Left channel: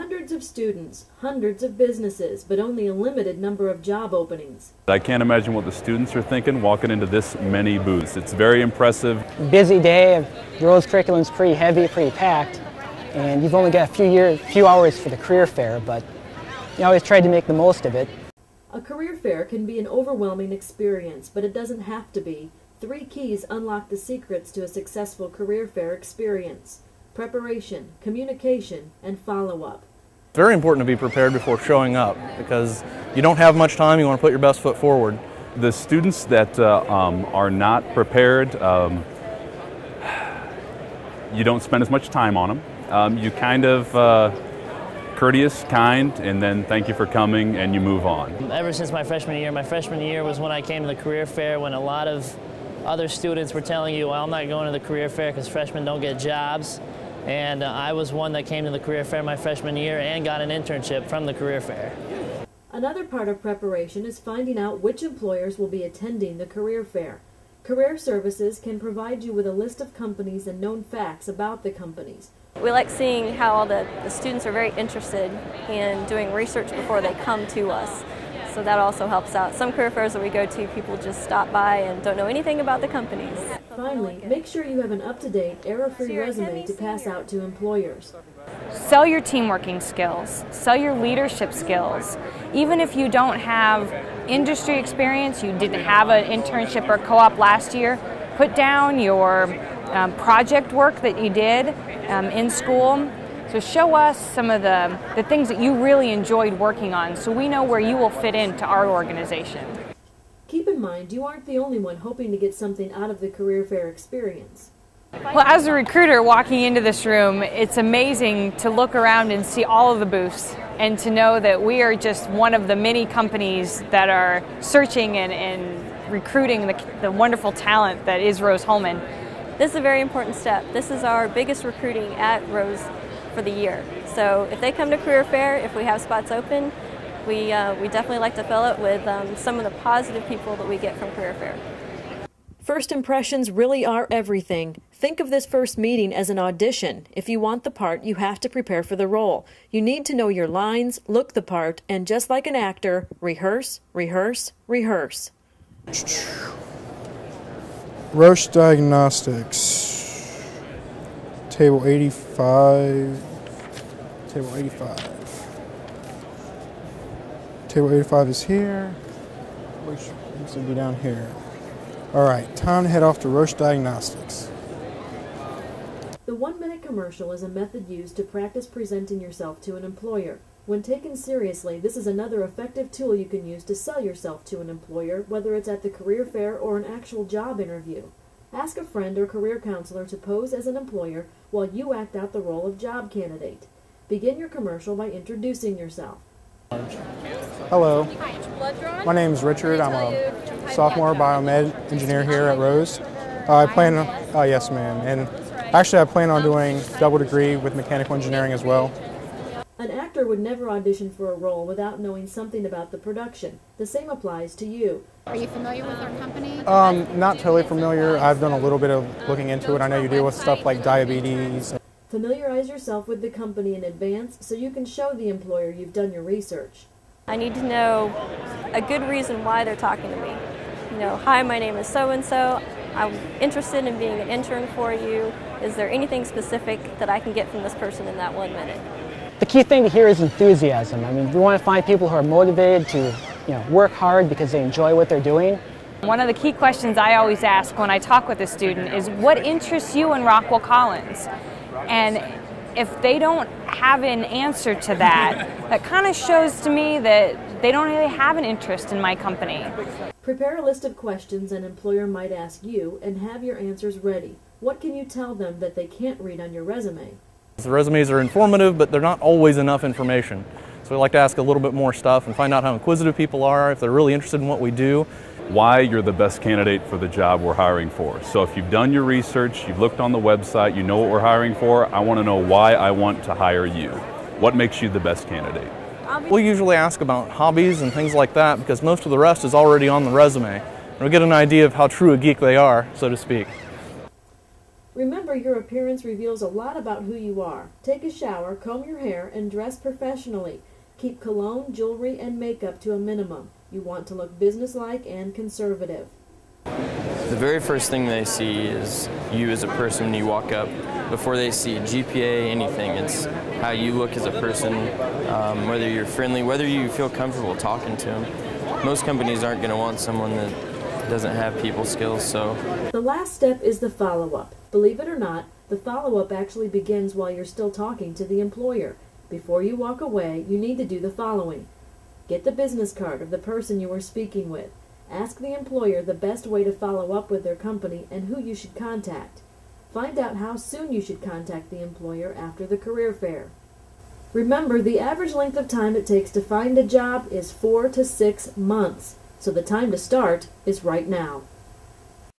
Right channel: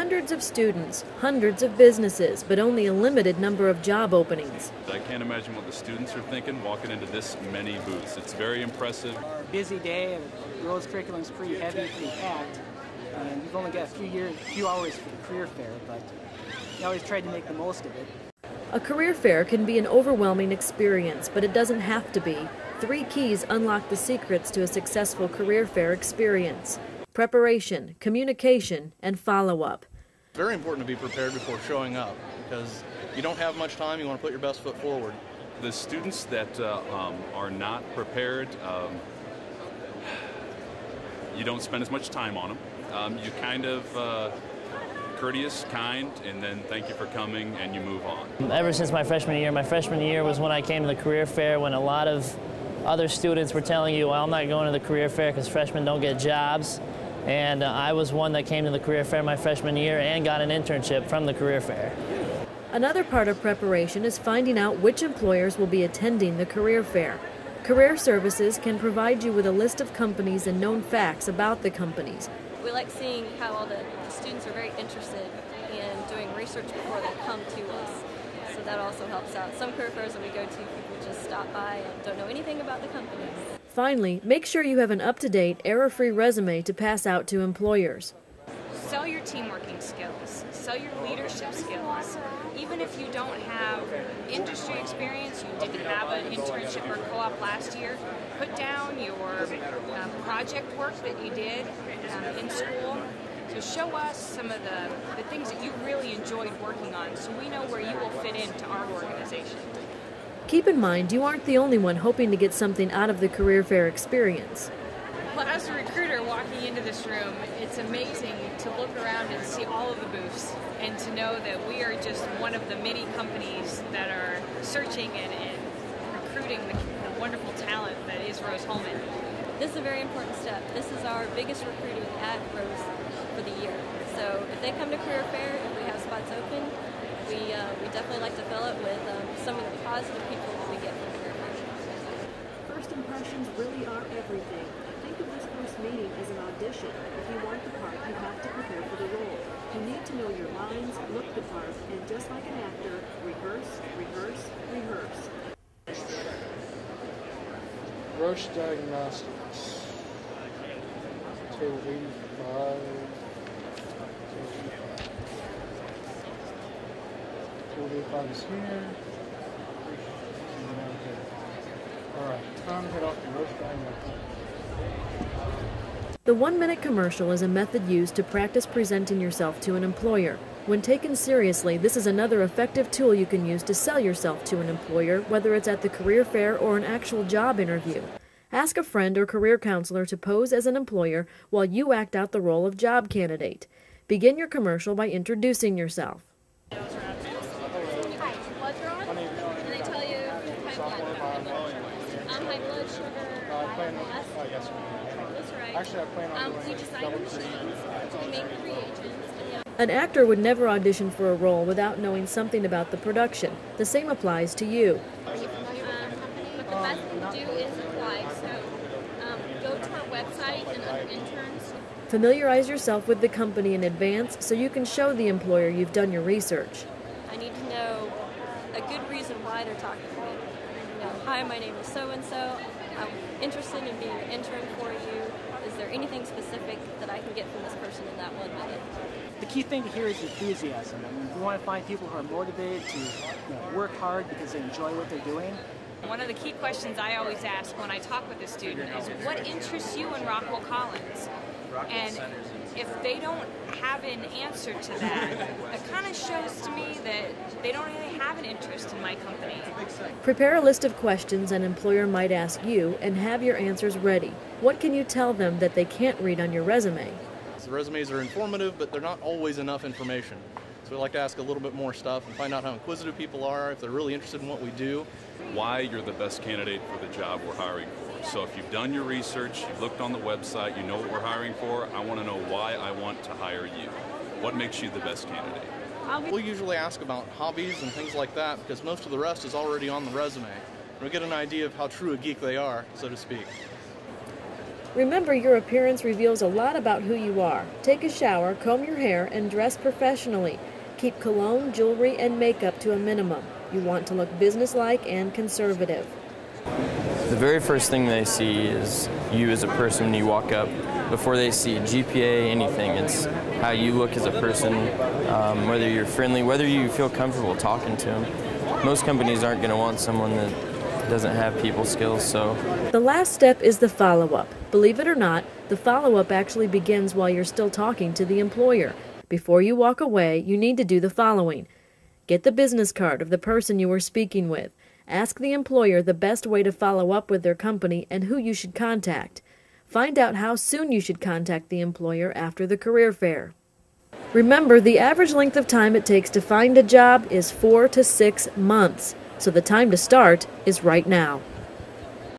Hundreds of students, hundreds of businesses, but only a limited number of job openings. I can't imagine what the students are thinking walking into this many booths. It's very impressive. Busy day. Rose curriculum's pretty heavy, pretty packed, and you've only got a few hours for the career fair, but you always tried to make the most of it. A career fair can be an overwhelming experience, but it doesn't have to be. 3 keys unlock the secrets to a successful career fair experience: preparation, communication, and follow-up. It's very important to be prepared before showing up because you don't have much time. You want to put your best foot forward. The students that are not prepared, you don't spend as much time on them. You kind of courteous, kind, and then thank you for coming, and you move on. Ever since my freshman year was when I came to the career fair, when a lot of other students were telling you, well, I'm not going to the career fair because freshmen don't get jobs. And I was one that came to the career fair my freshman year and got an internship from the career fair. Another part of preparation is finding out which employers will be attending the career fair. Career Services can provide you with a list of companies and known facts about the companies. We like seeing how all the students are very interested in doing research before they come to us. So that also helps out. Some career fairs that we go to, people just stop by and don't know anything about the companies. Finally, make sure you have an up-to-date, error-free resume to pass out to employers. Sell your team working skills, sell your leadership skills. Even if you don't have industry experience, you didn't have an internship or co-op last year, put down your project work that you did in school. So show us some of the things that you really enjoyed working on so we know where you will fit into our organization. Keep in mind, you aren't the only one hoping to get something out of the career fair experience. Well, as a recruiter walking into this room, it's amazing to look around and see all of the booths and to know that we are just one of the many companies that are searching and recruiting the wonderful talent that is Rose-Hulman. This is a very important step. This is our biggest recruiting at Rose for the year. So if they come to career fair, if we have spots open, we definitely like to fill it with some of the positive people that we get from career fair. First impressions really are everything. Think of this first meeting as an audition. If you want the part, you have to prepare for the role. You need to know your lines, look the part, and just like an actor, rehearse, rehearse, rehearse. Roche Diagnostics, table 85, table 85. Table 85 is here, which needs to be down here. All right, time to head off to Roche Diagnostics. The 1-minute commercial is a method used to practice presenting yourself to an employer. When taken seriously, this is another effective tool you can use to sell yourself to an employer, whether it's at the career fair or an actual job interview. Ask a friend or career counselor to pose as an employer while you act out the role of job candidate. Begin your commercial by introducing yourself. Hello, my name is Richard. I'm a sophomore biomed engineer here at Rose. Yes ma'am, and actually I plan on doing double degree with mechanical engineering as well. An actor would never audition for a role without knowing something about the production. The same applies to you. Are you familiar with our company? Not totally familiar. I've done a little bit of looking into it. I know you deal with stuff like diabetes. Familiarize yourself with the company in advance so you can show the employer you've done your research. I need to know a good reason why they're talking to me. You know, hi, my name is so-and-so. I'm interested in being an intern for you. Is there anything specific that I can get from this person in that 1 minute? The key thing here is enthusiasm. I mean, we want to find people who are motivated to work hard because they enjoy what they're doing. One of the key questions I always ask when I talk with a student is, what interests you in Rockwell Collins? And if they don't have an answer to that, that kind of shows to me that they don't really have an interest in my company. Prepare a list of questions an employer might ask you and have your answers ready. What can you tell them that they can't read on your resume? The resumes are informative, but they're not always enough information. So we like to ask a little bit more stuff and find out how inquisitive people are, if they're really interested in what we do. Why you're the best candidate for the job we're hiring for. So if you've done your research, you've looked on the website, you know what we're hiring for, I want to know why I want to hire you. What makes you the best candidate? We usually ask about hobbies and things like that because most of the rest is already on the resume. And we get an idea of how true a geek they are, so to speak. Remember, your appearance reveals a lot about who you are. Take a shower, comb your hair, and dress professionally. Keep cologne, jewelry, and makeup to a minimum. You want to look businesslike and conservative. The very first thing they see is you as a person when you walk up. Before they see GPA, anything, it's how you look as a person, whether you're friendly, whether you feel comfortable talking to them. Most companies aren't going to want someone that doesn't have people skills, so. The last step is the follow-up. Believe it or not, the follow-up actually begins while you're still talking to the employer. Before you walk away, you need to do the following. Get the business card of the person you are speaking with. Ask the employer the best way to follow up with their company and who you should contact. Find out how soon you should contact the employer after the career fair. Remember, the average length of time it takes to find a job is 4 to 6 months, so the time to start is right now.